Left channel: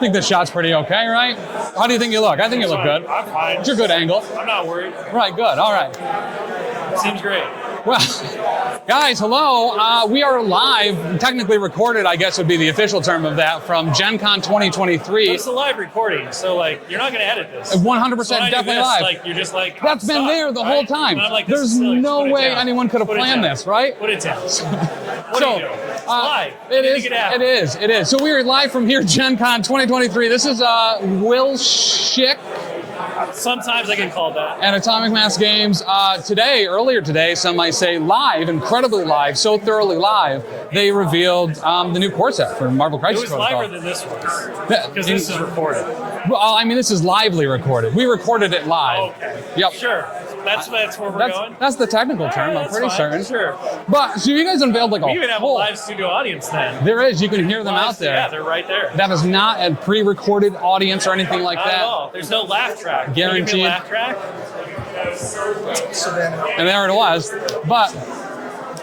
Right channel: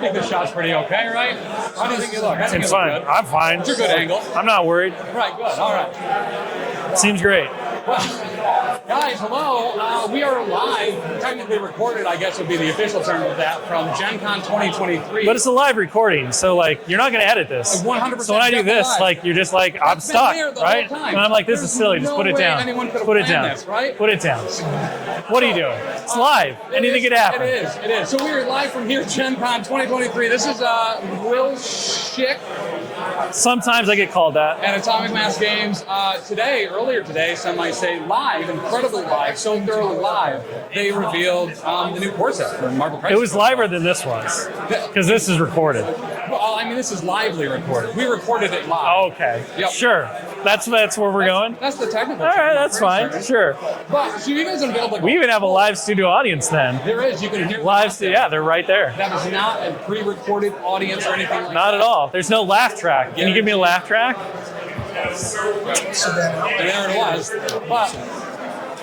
think this shot's pretty okay, right? How do you think you look? I think you look good. I'm fine. It's a good angle. I'm not worried. Right, good. All right. Seems great. Well, guys, hello. We are live, technically recorded, I guess would be the official term of that, from GenCon 2023. But it's a live recording, so like you're not going to edit this. 100% So when I do this, live. like you're just like, That's been there the whole time. And I'm like, this is silly. Just put it There's down. no way anyone could have Put it planned down. this, right? Put it down. What are you doing? It's live. It happen. It is. So we are live from here, GenCon 2023. This is Will Schick Sometimes I get called that. at Atomic Mass Games. Earlier today, some might say live, incredibly live, so thoroughly live, they revealed the new core set for Marvel Crisis It was Protocol. liver than this was, because this is recorded. Well, I mean, this is lively recorded. We recorded it live. Okay. Yep. Sure. That's where we're going. That's the technical All term. right, I'm that's pretty fine. certain. Sure. But so you guys unveiled like We even have a whole- live studio audience then. There is. You can hear them out there. Yeah, they're right there. That is not a pre-recorded audience or anything like Not that. at all. There's no laugh track. Can you give me a Guaranteed. laugh track? And there it was. But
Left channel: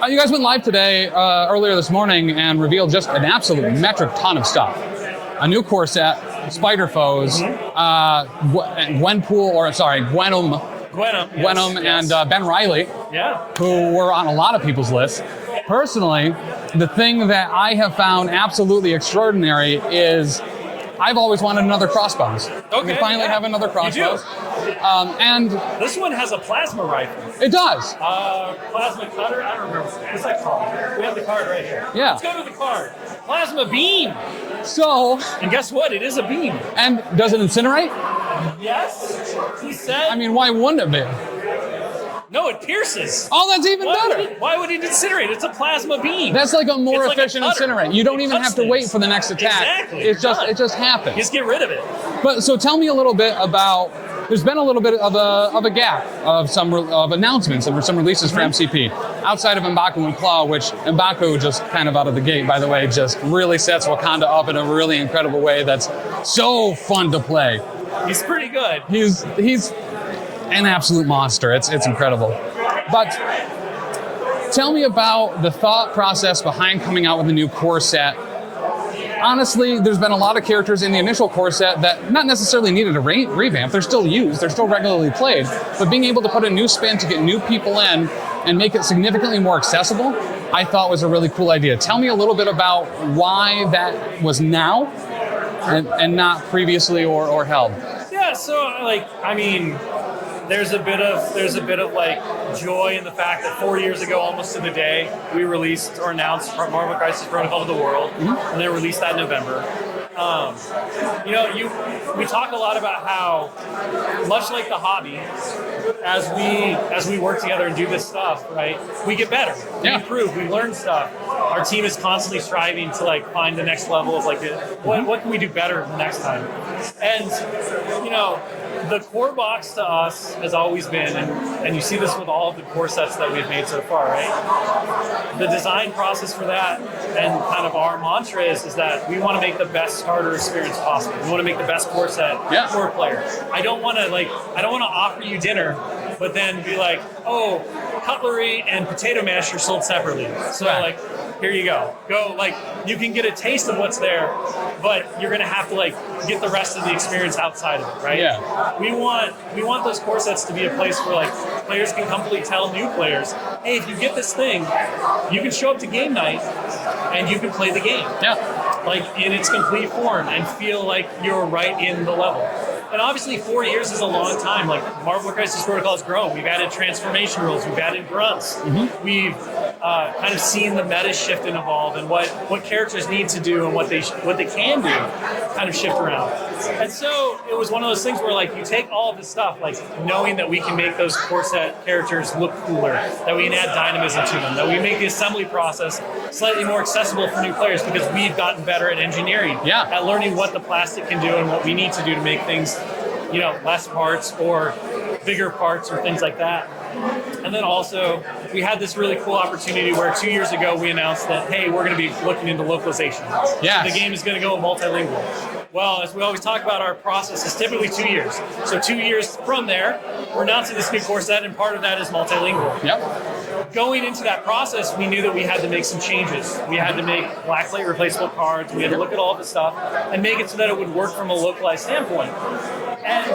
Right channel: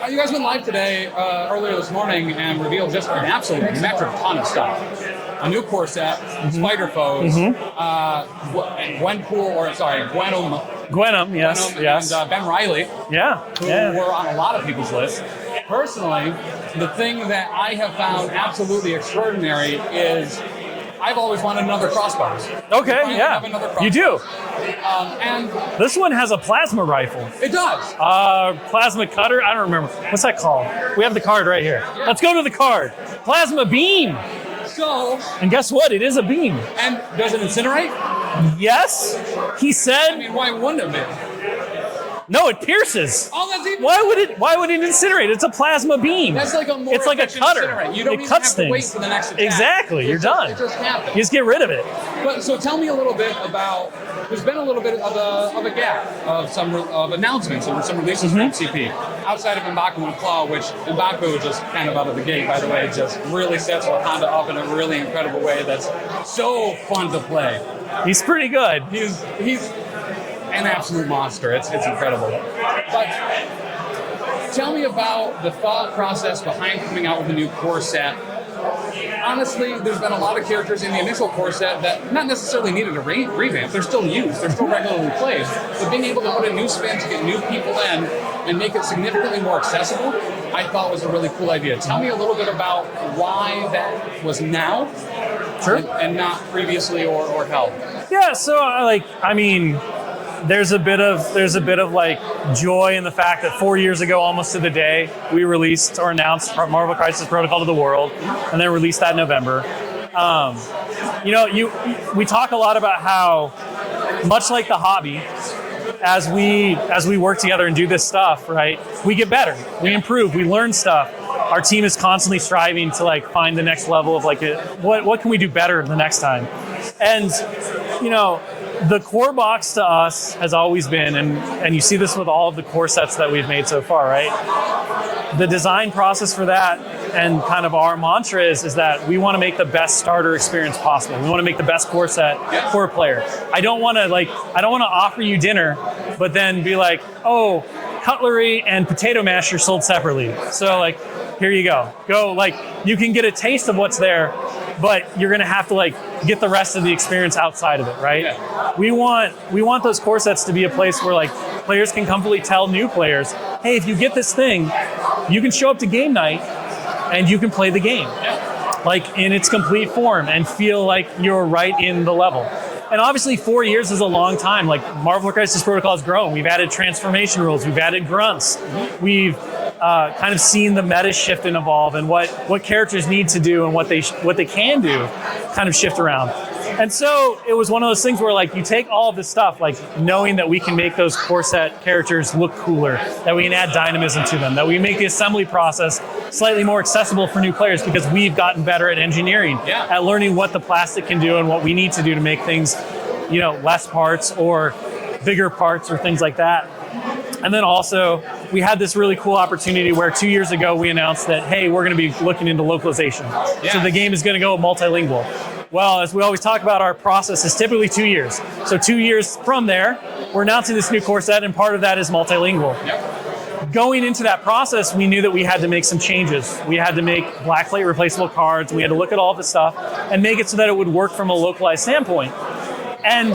you guys went live today, earlier this morning, and revealed just an absolute metric ton of stuff. A new core set, Spider Foes, Gwenum, yes. Gwenum and Ben Reilly, Yeah. who were on a lot of people's lists. Personally, the thing that I have found absolutely extraordinary is I've always wanted another Crossbones. Okay, We finally have another You Crossbones. do. And This one has a plasma rifle. it does. Plasma cutter? I don't remember. What's that called? We have the card right here. Yeah. Let's go to the card. Plasma beam. So, And guess what? It is a beam. and does it incinerate? Yes. He said. I mean, why wouldn't it be? No, it pierces. Oh, that's even Why better. would it incinerate? It's a plasma beam. That's like a more It's like a efficient cutter. incinerate. You don't It even cuts have to wait things. for the next attack. Exactly, It you're just, done. It just happens. You just get rid of it. But so tell me a little bit about. There's been a little bit of a gap of some of announcements and some releases for MCP outside of M'Baku and Claw, which M'Baku just kind of out of the gate, by the way, just really sets Wakanda up in a really incredible way. That's so fun to play. He's pretty good. He's an absolute monster. It's incredible. But tell me about the thought process behind coming out with a new core set. Honestly, there's been a lot of characters in the initial core set that not necessarily needed a revamp. They're still used. They're still regularly played. But being able to put a new spin to get new people in and make it significantly more accessible, I thought was a really cool idea. Tell me a little bit about why that was now and not previously or held. Yeah. So there's a bit of like joy in the fact that 4 years ago, almost to the day, we released or announced Marvel Crisis Protocol to the world, and then released that in November. We talk a lot about how, much like the hobby, as we work together and do this stuff, right, we get better, we improve, we learn stuff. Our team is constantly striving to like find the next level of like what can we do better the next time, and the core box to us has always been, and you see this with all of the core sets that we've made so far, right? The design process for that and kind of our mantra is that we want to make the best starter experience possible. We want to make the best core set for a player. I don't want to offer you dinner, but then be like, oh, cutlery and potato masher sold separately. So like, here you go. Go, like, you can get a taste of what's there, but you're gonna have to like get the rest of the experience outside of it, right? Yeah. We want those core sets to be a place where like players can comfortably tell new players, hey, if you get this thing, you can show up to game night and you can play the game. Yeah. Like in its complete form and feel like you're right in the level. And obviously 4 years is a long time. Like Marvel Crisis Protocol has grown. We've added transformation rules. We've added grunts. We've kind of seen the meta shift and evolve, and what characters need to do and what they can do kind of shift around. And so it was one of those things where like you take all of this stuff, like knowing that we can make those core set characters look cooler, that we can add dynamism to them, that we make the assembly process slightly more accessible for new players because we've gotten better at engineering, at learning what the plastic can do and what we need to do to make things, less parts or bigger parts or things like that. And then also, we had this really cool opportunity where 2 years ago we announced that, hey, we're going to be looking into localization. Yes. So the game is going to go multilingual. Well, as we always talk about, our process is typically 2 years. So 2 years from there, we're announcing this new core set, and part of that is multilingual. Yep. going into that process, we knew that we had to make some changes. We had to make black plate replaceable cards. We had to look at all this stuff and make it so that it would work from a localized standpoint. And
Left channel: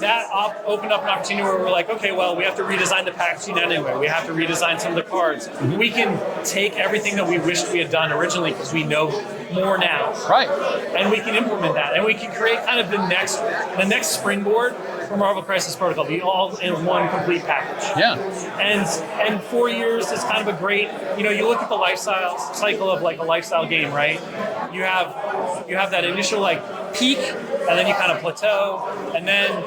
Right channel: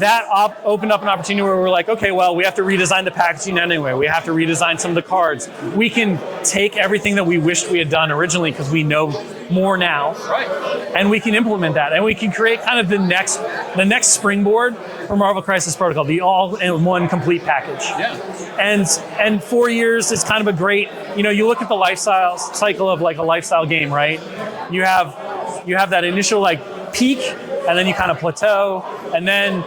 that opened up an opportunity where we're like, okay, well, we have to redesign the packaging anyway. We have to redesign some of the cards. We can take everything that we wished we had done originally because we know more now, Right. and we can implement that, and we can create kind of the next springboard for Marvel Crisis Protocol, the all-in-one complete package. Yeah. And 4 years is kind of a great, you look at the lifestyle cycle of like a lifestyle game, right? You have that initial like peak, and then you kind of plateau, and then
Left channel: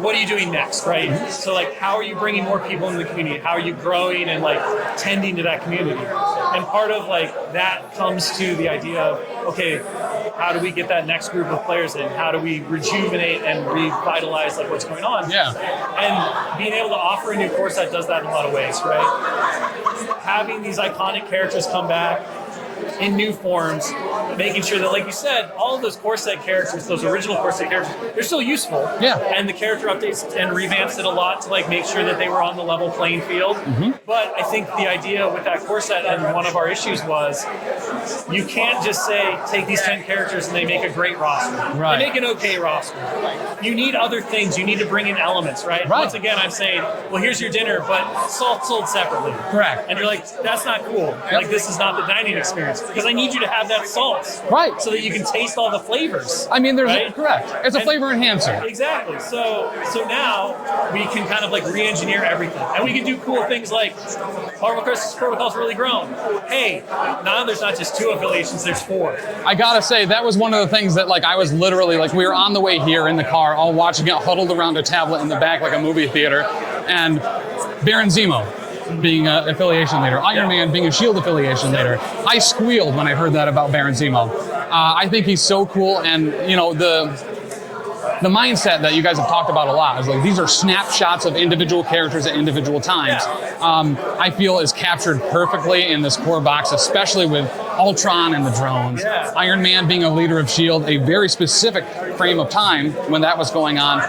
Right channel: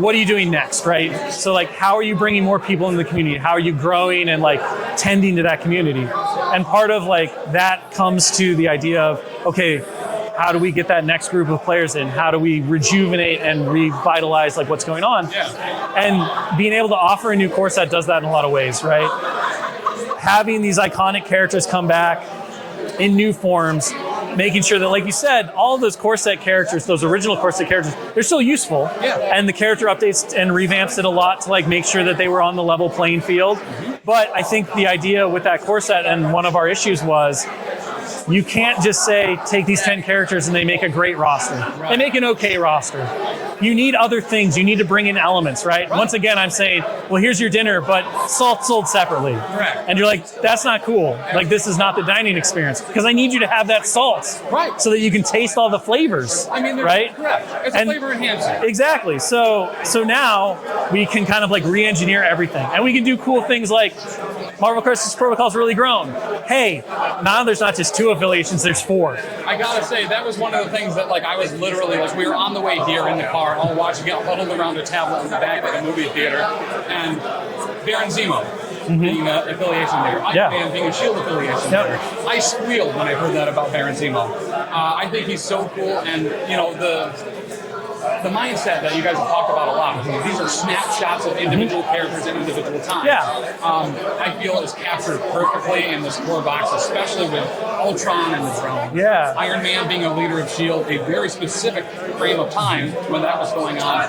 what are you doing next, right? So like, how are you bringing more people into the community? How are you growing and like tending to that community? And part of like that comes to the idea of, okay, how do we get that next group of players in? How do we rejuvenate and revitalize like what's going on? Yeah. And being able to offer a new core set does that in a lot of ways, right? Having these iconic characters come back in new forms, making sure that, like you said, all of those core set characters, those original core set characters, they're still useful. Yeah. And the character updates and revamps it a lot to like make sure that they were on the level playing field. Mm-hmm. But I think the idea with that core set, and one of our issues was, you can't just say, take these 10 characters and they make a great roster. Right. They make an okay roster. You need other things. You need to bring in elements, right? Once again, I'm saying, well, here's your dinner, but salt sold separately. Correct. And you're like, that's not cool. Like, this is not the dining experience. Because I need you to have that salt. Right. So that you can taste all the flavors. I mean, right? Correct. It's a flavor enhancer. Exactly. So now we can kind of like re-engineer everything. And we can do cool things like Marvel Crisis Protocol's really grown. Hey, now there's not just 2 affiliations, there's 4. I gotta say, that was one of the things that like I was literally like, we were on the way here in the car, all watching it huddled around a tablet in the back like a movie theater, and Baron Zemo being an affiliation leader, Iron Man being a Shield affiliation leader. I squealed when I heard that about Baron Zemo. I think he's so cool, and the mindset that you guys have talked about a lot is like these are snapshots of individual characters at individual times. I feel is captured perfectly in this core box, especially with Ultron and the drones. Iron Man being a leader of S.H.I.E.L.D., a very specific frame of time when that was going on,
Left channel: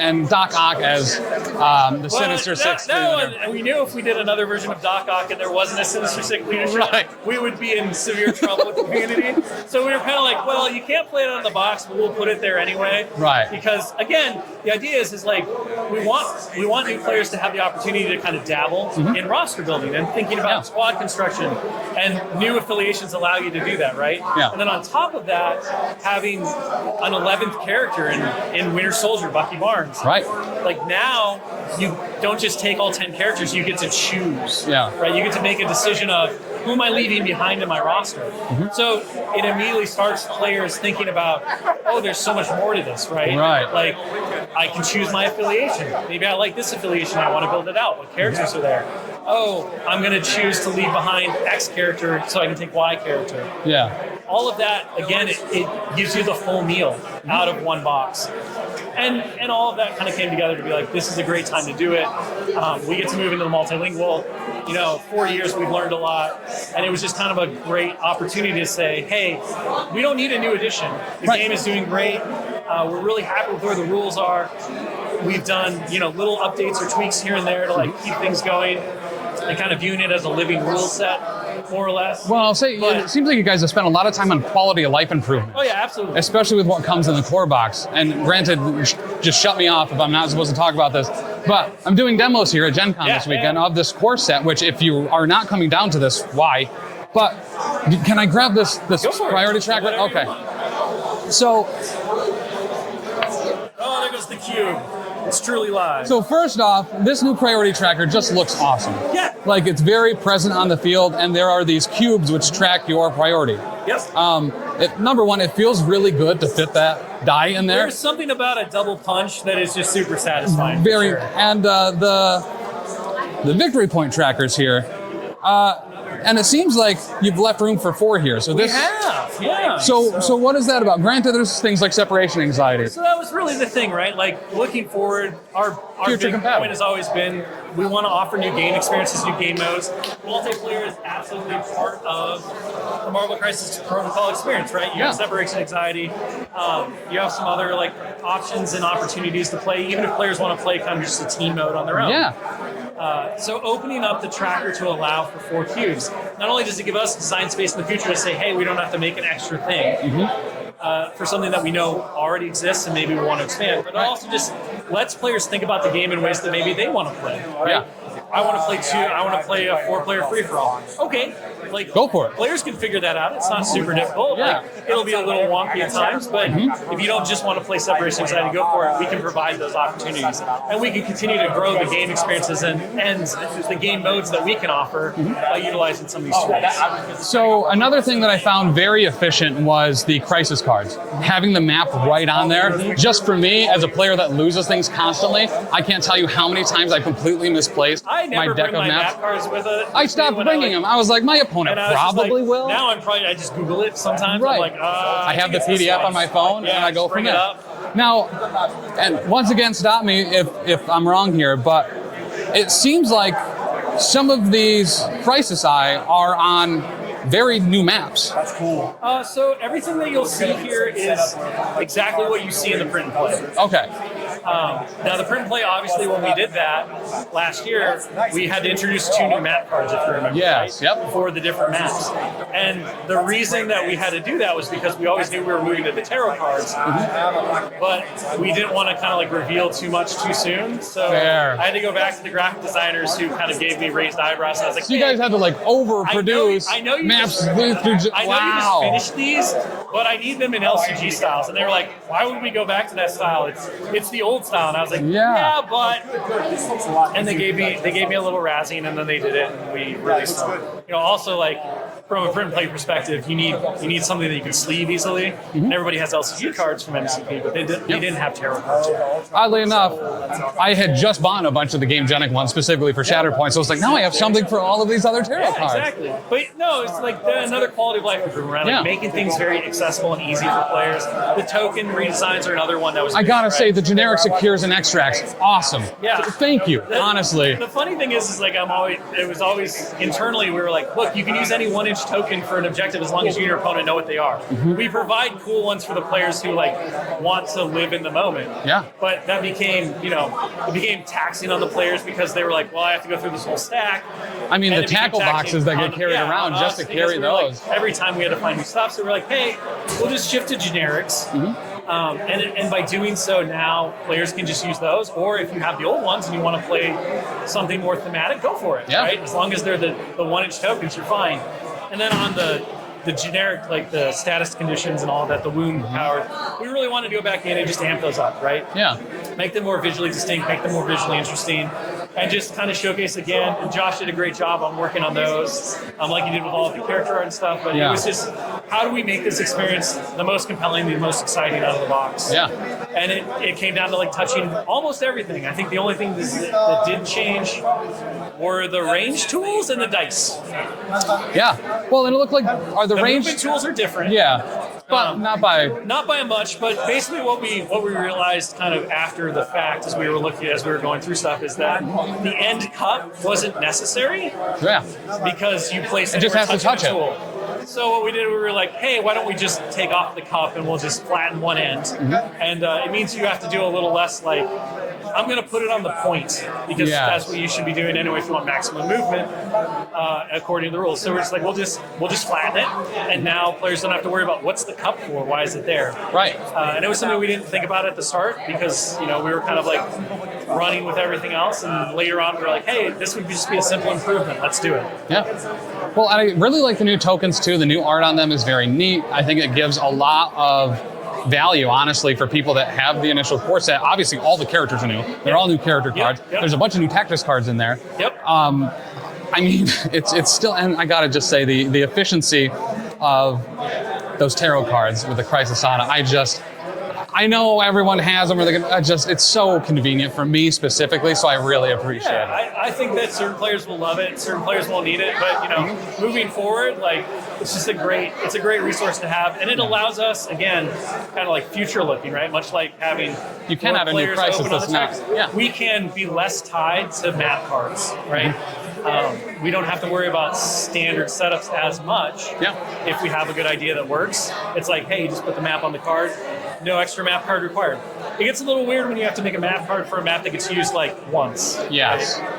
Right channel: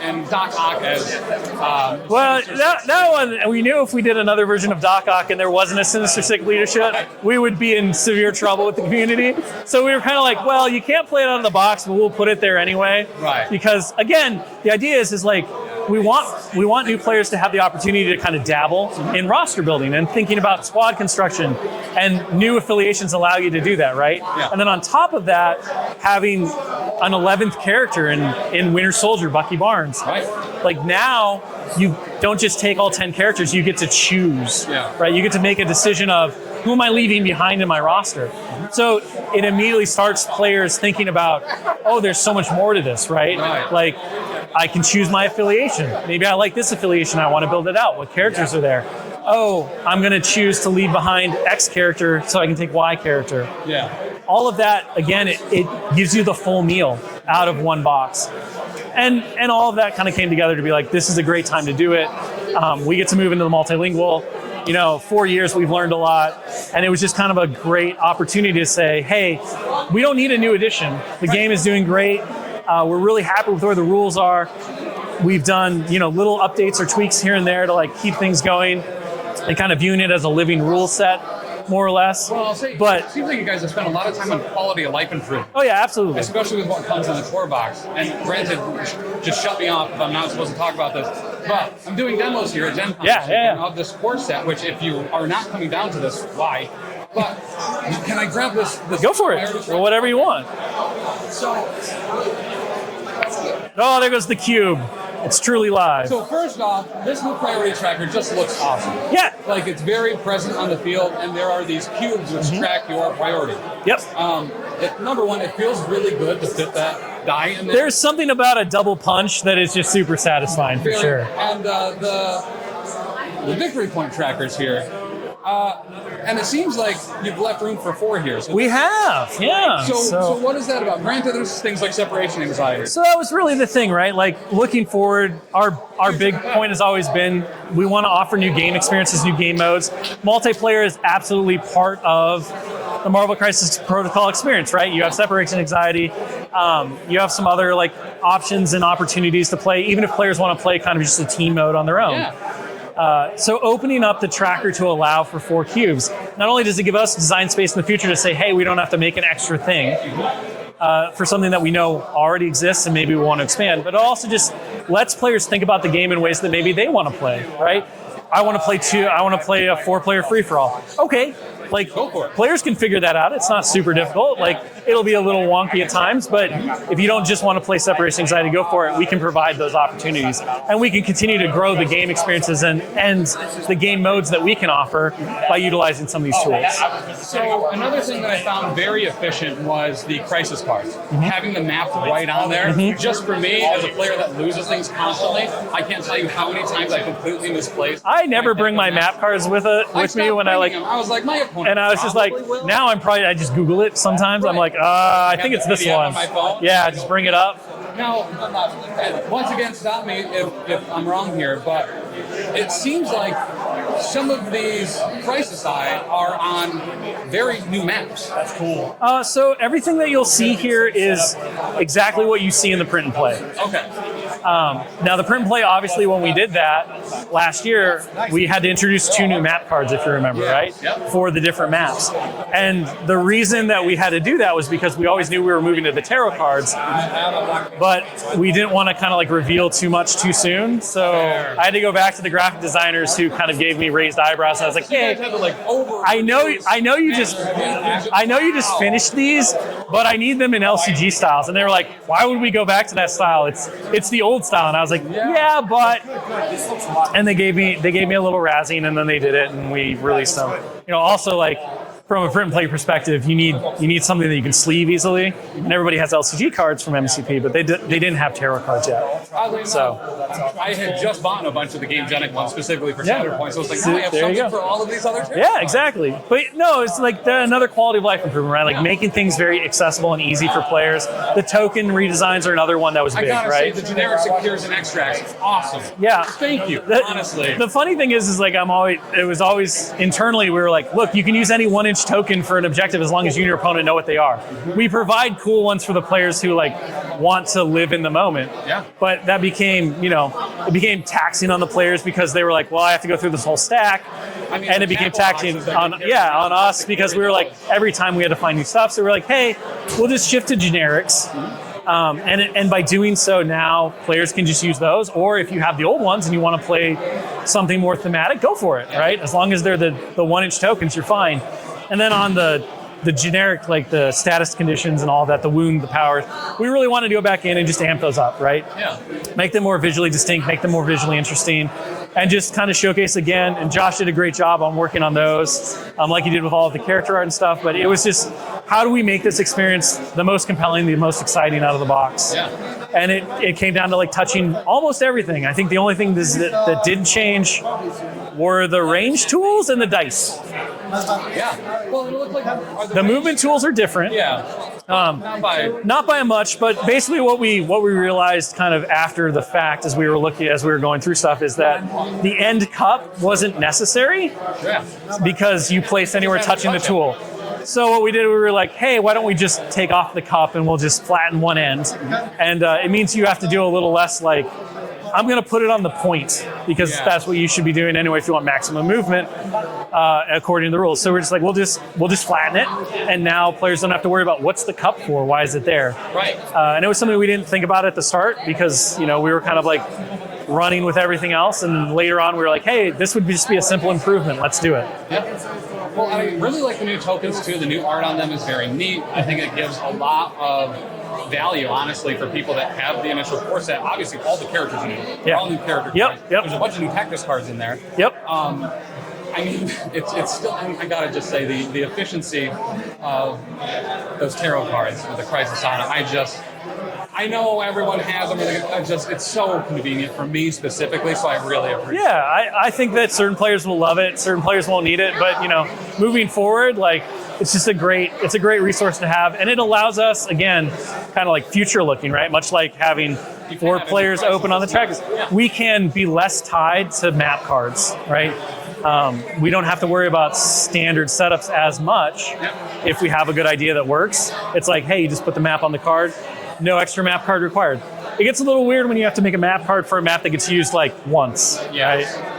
and Doc Ock as the Sinister Six. That one, we knew if we did another version of Doc Ock and there wasn't a Sinister Six leadership, we would be in severe trouble with the community. So we were kind of like, well, you can't play it out of the box, but we'll put it there anyway. Right. Because again, the idea is like we want new players to have the opportunity to kind of dabble in roster building and thinking about squad construction, and new affiliations allow you to do that, right? And then on top of that, having an 11th character in Winter Soldier, Bucky Barnes. Like now, you don't just take all 10 characters, you get to choose. Right? You get to make a decision of who am I leaving behind in my roster? So it immediately starts players thinking about, oh, there's so much more to this, right? Like, I can choose my affiliation. Maybe I like this affiliation, I want to build it out. What characters are there? Oh, I'm going to choose to leave behind X character so I can take Y character. All of that, again, it gives you the full meal out of one box. And all of that kind of came together to be like, this is a great time to do it. We get to move into the multilingual. 4 years, we've learned a lot. And it was just kind of a great opportunity to say, hey, we don't need a new edition. The game is doing great. We're really happy with where the rules are. We've done, little updates or tweaks here and there to like keep things going and kind of viewing it as a living rule set, more or less. Well, I'll say, it seems like you guys have spent a lot of time on quality of life improvement. Oh yeah, absolutely. Especially with what comes in the core box. And granted, just shut me off if I'm not supposed to talk about this. But I'm doing demos here at GenCon this weekend of this core set, which if you are not coming down to this, why? But can I grab this Go for priority it. tracker? Whatever you want. So, oh, there goes the cube. It's truly live. So first off, this new priority tracker just looks awesome. Like it's very present on the field, and there are these cubes which track your priority. Number one, it feels really good to fit that die in there. There's something about a double punch that is just super satisfying. For sure. And the victory point trackers here. And it seems like you've left room for 4 here. So we have, yeah. So what is that about? Granted, there's things like separation anxiety. So that was really the thing, right? Like looking forward, our big point has always been we want to offer new game experiences, new game modes. Multiplayer is absolutely part of the Marvel Crisis Protocol experience, right? You have separation anxiety. You have some other like options and opportunities to play, even if players want to play kind of just a team mode on their own. So opening up the tracker to allow for 4 cubes, not only does it give us design space in the future to say, hey, we don't have to make an extra thing for something that we know already exists and maybe we want to expand, but it also just lets players think about the game in ways that maybe they want to play, right? I want to play a 4-player free-for-all. Okay. Like, go for it. Players can figure that out. It's not super difficult. Like, it'll be a little wonky at times, but if you don't just want to play Separation Anxiety, go for it. We can provide those opportunities, and we can continue to grow the game experiences and the game modes that we can offer by utilizing some of these tools. So another thing that I found very efficient was the crisis cards. Having the map right on there. Just for me, as a player that loses things constantly, I can't tell you how many times I completely misplaced. I never bring my map cards with it. I stopped bringing them. I was like, my opponent and I was just like, will. now I just Google it sometimes. Right. I'm like, I think it's this PDF one on my phone. Yeah, I just bring it up. Now, and once again, stop me if I'm wrong here, but it seems like some of these Crisis Eye are on very new maps. That's cool. So everything that you'll see here is exactly what you see in the print and play. Okay. Now the print and play, obviously, when we did that last year, we had to introduce 2 new map cards, if you remember, right? Yep. For the different maps. And the reason that we had to do that was because we always knew we were moving to the tarot cards, but we didn't want to kind of like reveal too much too soon. So I had to go back to the graphic designers who kind of gave me raised eyebrows, and I was like, so you guys had to like overproduce. I know you just finished these, but I need them in LCG styles. And they were like, why would we go back to that style? It's the old style. And I was like, yeah, but. And they gave me a little razzing, and then they did it, and we released them. Also like, from a print and play perspective, you need something that you can sleeve easily. And everybody has LCG cards from MCP, but they didn't have tarot cards yet. Oddly enough, I had just bought a bunch of the Game Genic ones specifically for Shatterpoint, so it's like, now I have something for all of these other tarot cards. Yeah, exactly. But no, it's like another quality of life improvement, right? Like making things very accessible and easy for players. The token redesigns are another one that was big, I gotta say, the generic secures and extracts, awesome. Yeah. Thank you, honestly. The funny thing is like it was always internally, we were like, look, you can use any 1-inch token for an objective as long as you and your opponent know what they are. We provide cool ones for the players who like want to live in the moment. Yeah. But that became, it became taxing on the players because they were like, well, I have to go through this whole stack. I mean, and the it became tackle taxing boxes that get carried around on just us to because we carry were like, those. every time we had to find new stuff. So we were like, hey, we'll just shift to generics. And by doing so now, players can just use those. Or if you have the old ones and you want to play something more thematic, go for it, right? As long as they're the 1-inch tokens, you're fine. And then on the generic, like the status conditions and all that, the wound, the power, we really want to go back in and just amp those up, right? Yeah. Make them more visually distinct, make them more visually interesting, and just kind of showcase again. And Josh did a great job on working on those, like he did with all of the character art and stuff. But it was just, how do we make this experience the most compelling, the most exciting out of the box? Yeah. And it came down to like touching almost everything. I think the only thing that didn't change were the range tools and the dice. Yeah. Well, and it looked like the movement tools are different. Yeah. Not by much, but basically what we realized kind of after the fact as we were going through stuff is that the end cup wasn't necessary. Yeah. Because you placed anywhere touching the tool. So what we did, we were like, hey, why don't we just take off the cup and we'll just flatten one end. And it means you have to do a little less like, I'm going to put it on the point because that's what you should be doing anyway if you want maximum movement according to the rules. So we're just like, we'll just flatten it, and now players don't have to worry about what's the cup for, why is it there? Right. And it was something we didn't think about at the start because we were kind of like running with everything else, and later on we were like, hey, this would just be a simple improvement. Let's do it. Yeah. Well, I really like the new tokens too. The new art on them is very neat. I think it gives a lot of value, honestly, for people that have the initial core set. Obviously, all the characters are new. They're all new character cards. There's a bunch of new Tactics cards in there. I mean, it's still, and I gotta just say, the efficiency of those tarot cards with the Crisis on it, I know everyone has them, it's so convenient for me specifically, so I really appreciate it. Yeah, I think that certain players will love it, certain players won't need it, but moving forward, like, it's just a great resource to have, and it allows us, again, kind of like future looking, right? Much like having more players open on the tracks. We can be less tied to map cards, right? We don't have to worry about standard setups as much if we have a good idea that works. It's like, hey, you just put the map on the card, no extra map card required. It gets a little weird when you have to make a map card for a map that gets used like once. Yes. Right?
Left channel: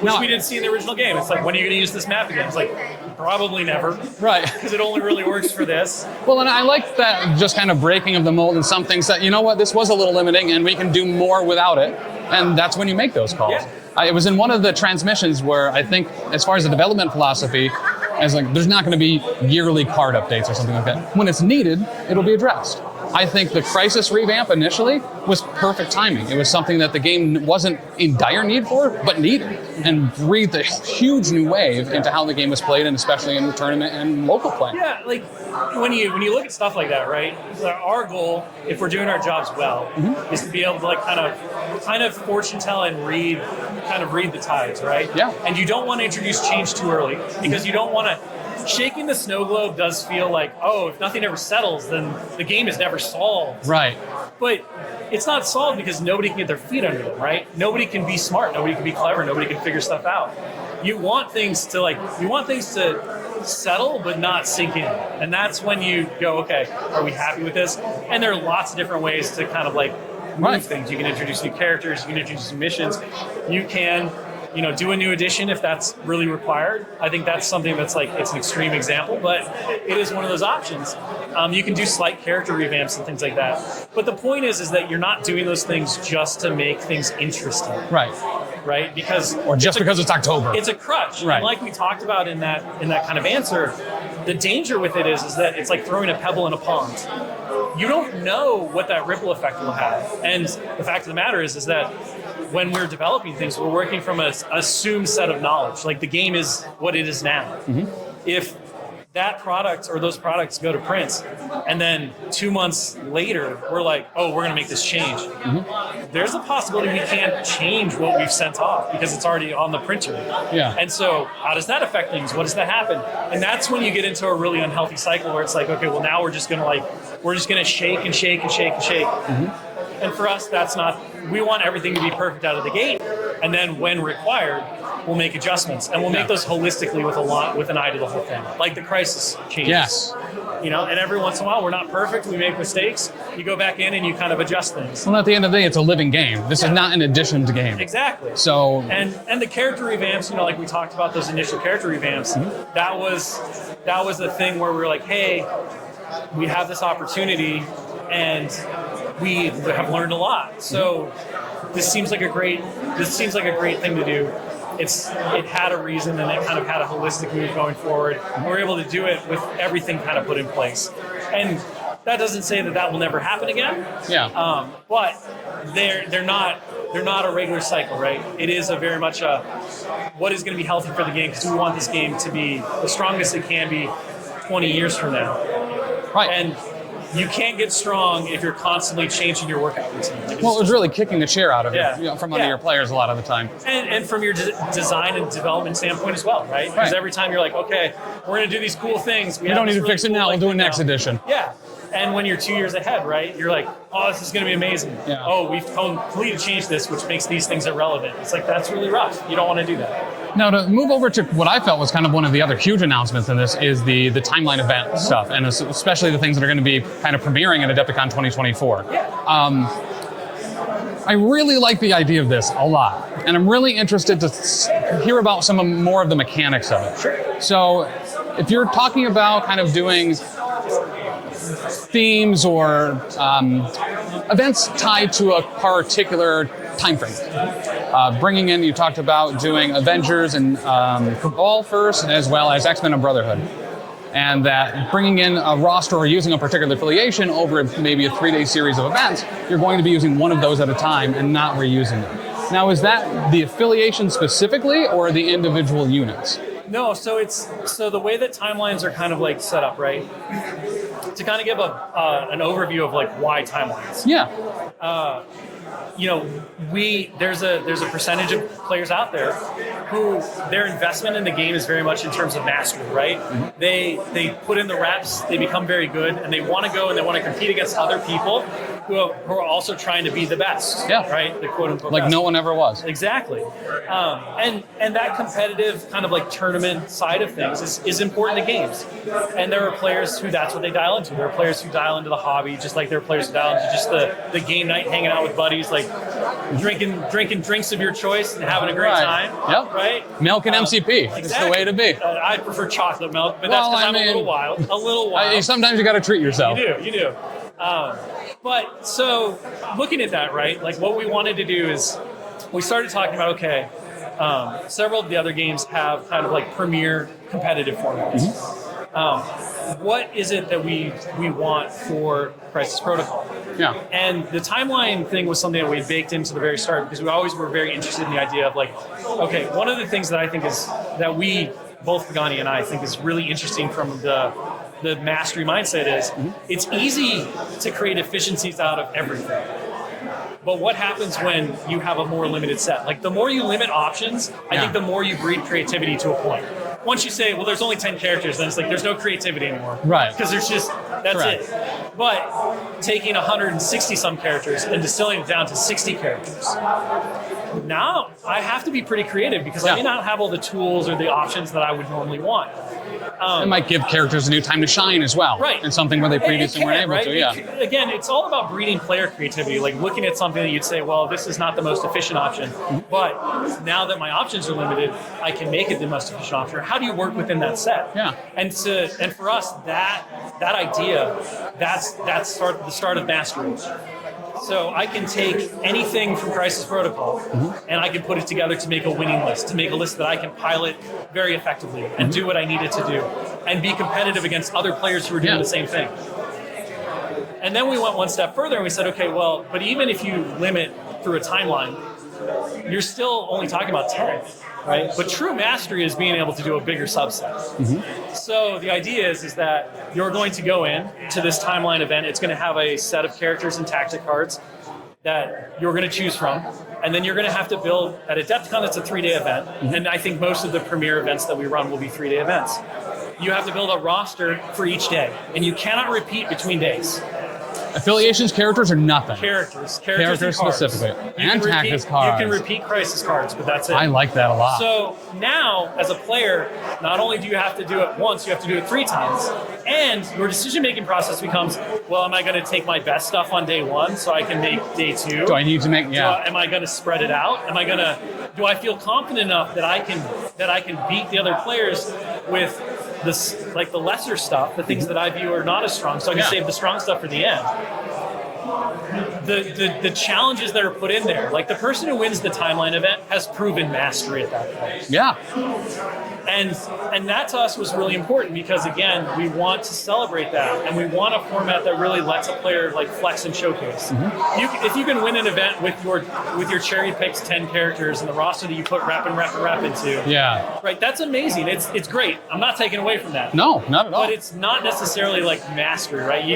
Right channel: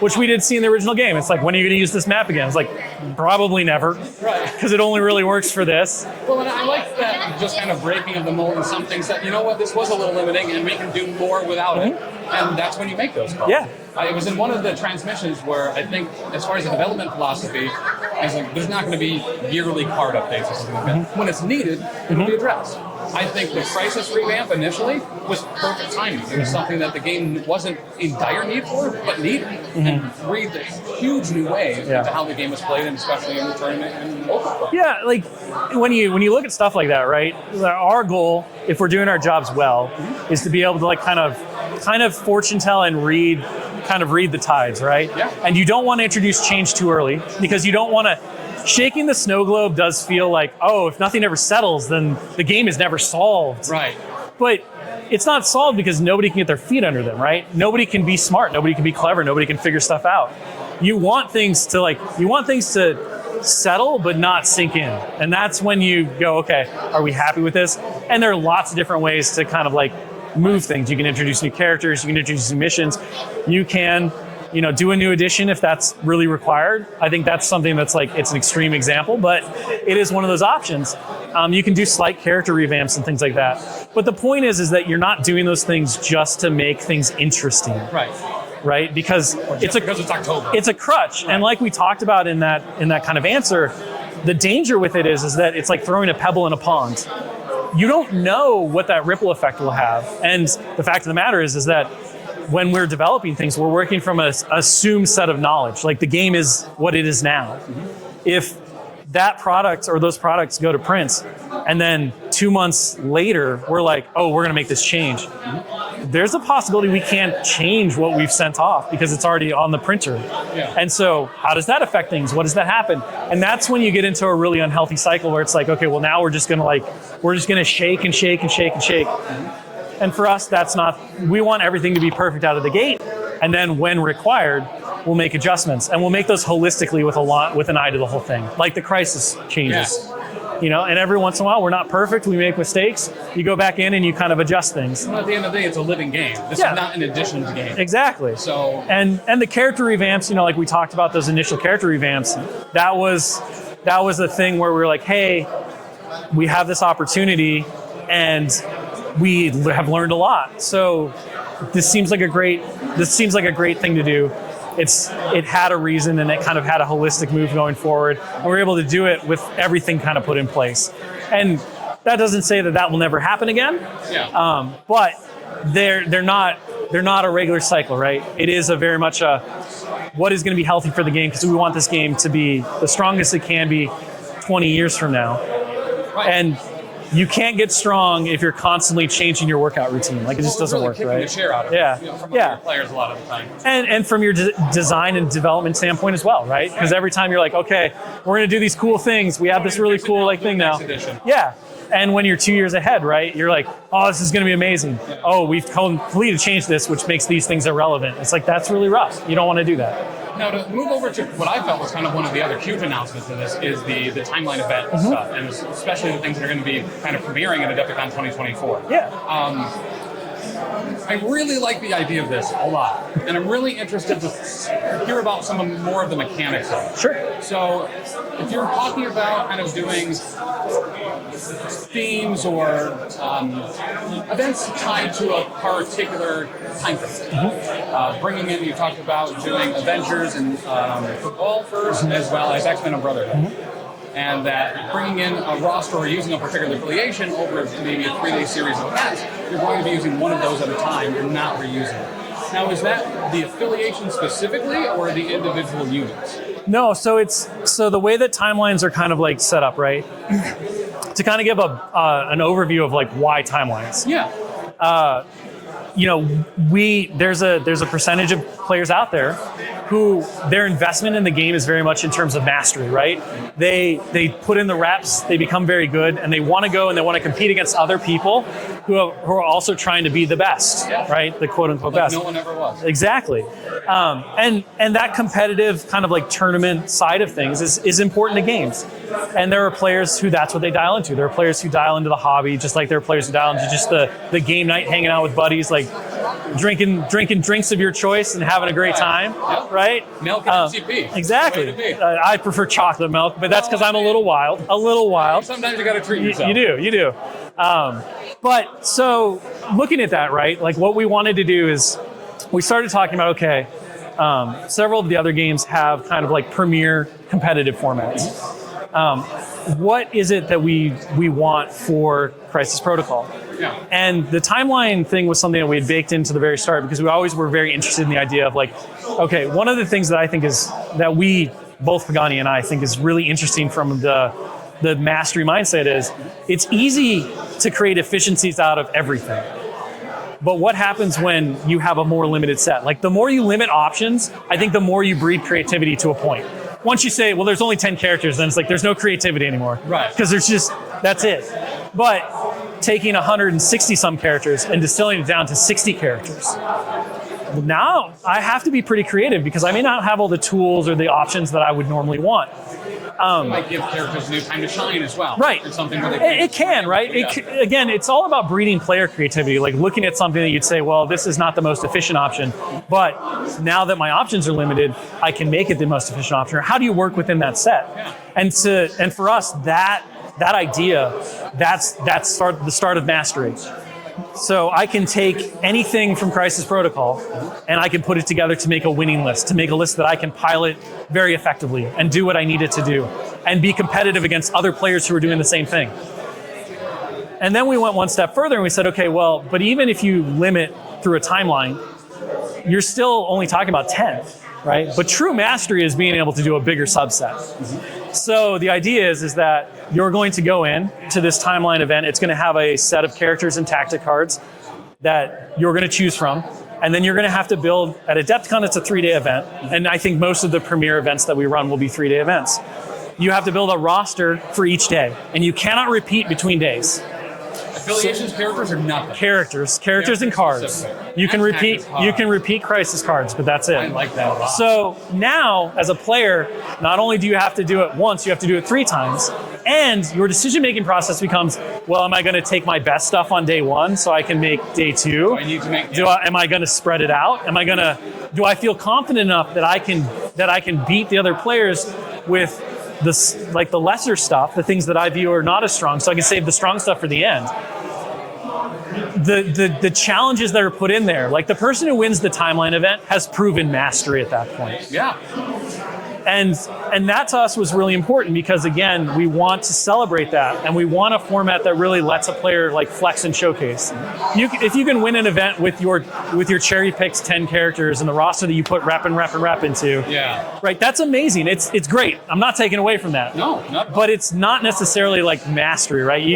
which No. we did see in the original game. It's like, when are you going to use this map again? It's like, probably never. Right. Because it only really works for this. Well, and I like that just kind of breaking of the mold, and some things that, you know what, this was a little limiting and we can do more without it. And that's when you make those calls. Yeah. It was in one of the transmissions where I think, as far as the development philosophy, I was like, there's not going to be yearly card updates or something like that. When it's needed, it'll be addressed. I think the Crisis revamp initially was perfect timing. It was something that the game wasn't in dire need for, but needed, and breathed a huge new wave into how the game was played, and especially in tournament and local play. Yeah, like when you look at stuff like that, right? Our goal, if we're doing our jobs well, is to be able to like kind of fortune tell and read the tides, right? Yeah. And you don't want to introduce change too early, because you don't want to. Shaking the snow globe does feel like, oh, if nothing ever settles, then the game is never solved. Right. But it's not solved because nobody can get their feet under them, right? Nobody can be smart, nobody can be clever, nobody can figure stuff out. You want things to settle but not sink in. And that's when you go, okay, are we happy with this? And there are lots of different ways to kind of like move things. You can introduce new characters, you can introduce new missions, you can do a new edition if that's really required. I think that's something that's like, it's an extreme example, but it is one of those options. You can do slight character revamps and things like that. But the point is that you're not doing those things just to make things interesting. Right? Because Because it's October. it's a crutch. Right. And like we talked about in that kind of answer, the danger with it is that it's like throwing a pebble in a pond. You don't know what that ripple effect will have. And the fact of the matter is that when we're developing things, we're working from an assumed set of knowledge. Like the game is what it is now. If that product or those products go to print, and then 2 months later, we're like, oh, we're going to make this change. There's a possibility we can't change what we've sent off because it's already on the printer. Yeah. And so how does that affect things? What does that happen? And that's when you get into a really unhealthy cycle where it's like, okay, well now we're just going to shake and shake and shake and shake. And for us, that's not, we want everything to be perfect out of the gate. And then when required, we'll make adjustments. And we'll make those holistically with an eye to the whole thing. Like the Crisis changes. Yes. And every once in a while, we're not perfect, we make mistakes. You go back in and you kind of adjust things. Well, at the end of the day, it's a living game. This is not an addition to game. Exactly. So, and the character revamps, like we talked about those initial character revamps, that was the thing where we were like, hey, we have this opportunity and we have learned a lot. So this seems like a great thing to do. It had a reason, and it kind of had a holistic move going forward. And we're able to do it with everything kind of put in place. And that doesn't say that will never happen again. yeah. But they're not a regular cycle, right? It is a very much a what is going to be healthy for the game, because we want this game to be the strongest it can be 20 years from now. Right. And you can't get strong if you're constantly changing your workout routine. Like, it just Well, it was doesn't really work, kicking right? the chair out of you from under your players a lot of the time. And from your design and development standpoint as well, right? Because every time you're like, okay, we're going to do these cool things. We have don't this need to really fix it cool now, like, we'll do thing it next now. edition. Yeah. And when you're 2 years ahead, right, you're like, oh, this is going to be amazing. Yeah. Oh, we've completely changed this, which makes these things irrelevant. It's like, that's really rough. You don't want to do that. Now, to move over to what I felt was kind of one of the other huge announcements of this is the timeline event stuff, and especially the things that are going to be kind of premiering at Adepticon 2024. Yeah. I really like the idea of this a lot, and I'm really interested to hear about more of the mechanics of it. Sure. So, if you're talking about kind of doing themes or events tied to a particular time frame, bringing in, you talked about doing Avengers and Cabal first, as well as X-Men and Brotherhood. And that bringing in a roster or using a particular affiliation over maybe a 3-day series of events, you're going to be using one of those at a time and not reusing it. Now, is that the affiliation specifically or the individual units? No, so the way that timelines are kind of like set up, right? To kind of give an overview of like why timelines. Yeah. There's a percentage of players out there who their investment in the game is very much in terms of mastery, right? They put in the reps, they become very good, and they want to go and they want to compete against other people who are also trying to be the best, right? The quote unquote Like best. no one ever was. Exactly. And that competitive kind of like turn tournament side of things is important to games. And there are players who that's what they dial into. There are players who dial into the hobby, just like there are players who dial into just the game night, hanging out with buddies, like drinking drinks of your choice and having a great time. Yep. Right? Milk and MCP. Exactly. That's the way to be. I prefer chocolate milk, but that's because I'm a little wild. A little wild. Sometimes you got to treat yourself. You do. But so looking at that, right? Like what we wanted to do is we started talking about, okay, several of the other games have kind of like premier competitive formats. What is it that we want for Crisis Protocol? Yeah. And the timeline thing was something that we had baked into the very start because we always were very interested in the idea of like, okay, one of the things that I think is that we, both Pagani and I, think is really interesting from the mastery mindset is it's easy to create efficiencies out of everything. But what happens when you have a more limited set? Like the more you limit options, I think the more you breed creativity to a point. Once you say, well, there's only 10 characters, then it's like there's no creativity anymore. Right. Because there's just, that's it. But taking 160 some characters and distilling it down to 60 characters. Now I have to be pretty creative because I may not have all the tools or the options that I would normally want. It might give characters a new time to shine as well. Right. And something where they previously weren't able right? to, yeah. Again, it's all about breeding player creativity, like looking at something that you'd say, well, this is not the most efficient option, but now that my options are limited, I can make it the most efficient option. Or how do you work within that set? Yeah. And for us, that idea, that's the start of mastery. So I can take anything from Crisis Protocol and I can put it together to make a winning list, to make a list that I can pilot very effectively and do what I need it to do and be competitive against other players who are doing the same thing. And then we went one step further and we said, okay, well, but even if you limit through a timeline, you're still only talking about 10, right? But true mastery is being able to do a bigger subset. So the idea is that you're going to go in to this timeline event. It's going to have a set of characters and tactic cards that you're going to choose from. And then you're going to have to build, at Adepticon, it's a 3-day event. And I think most of the premier events that we run will be 3-day events. You have to build a roster for each day. And you cannot repeat between days. Affiliations, characters, or nothing? Characters and cards. Specifically. You can repeat crisis cards, but that's it. I like that a lot. So now, as a player, not only do you have to do it once, you have to do it 3 times. And your decision-making process becomes, well, am I going to take my best stuff on day 1 so I can make day 2? Do I need to make? Yeah. Am I going to spread it out? Do I feel confident enough that I can beat the other players with the lesser stuff, the things that I view are not as strong, so I can save the strong stuff for the end. The challenges that are put in there, like the person who wins the timeline event has proven mastery at that point. Yeah. And that to us was really important because again, we want to celebrate that and we want a format that really lets a player like flex and showcase. If you can win an event with your cherry picked 10 characters and the roster that you put rep into, right? That's amazing. It's great. I'm not taking away from that. No, not at all. But it's not necessarily like mastery, right?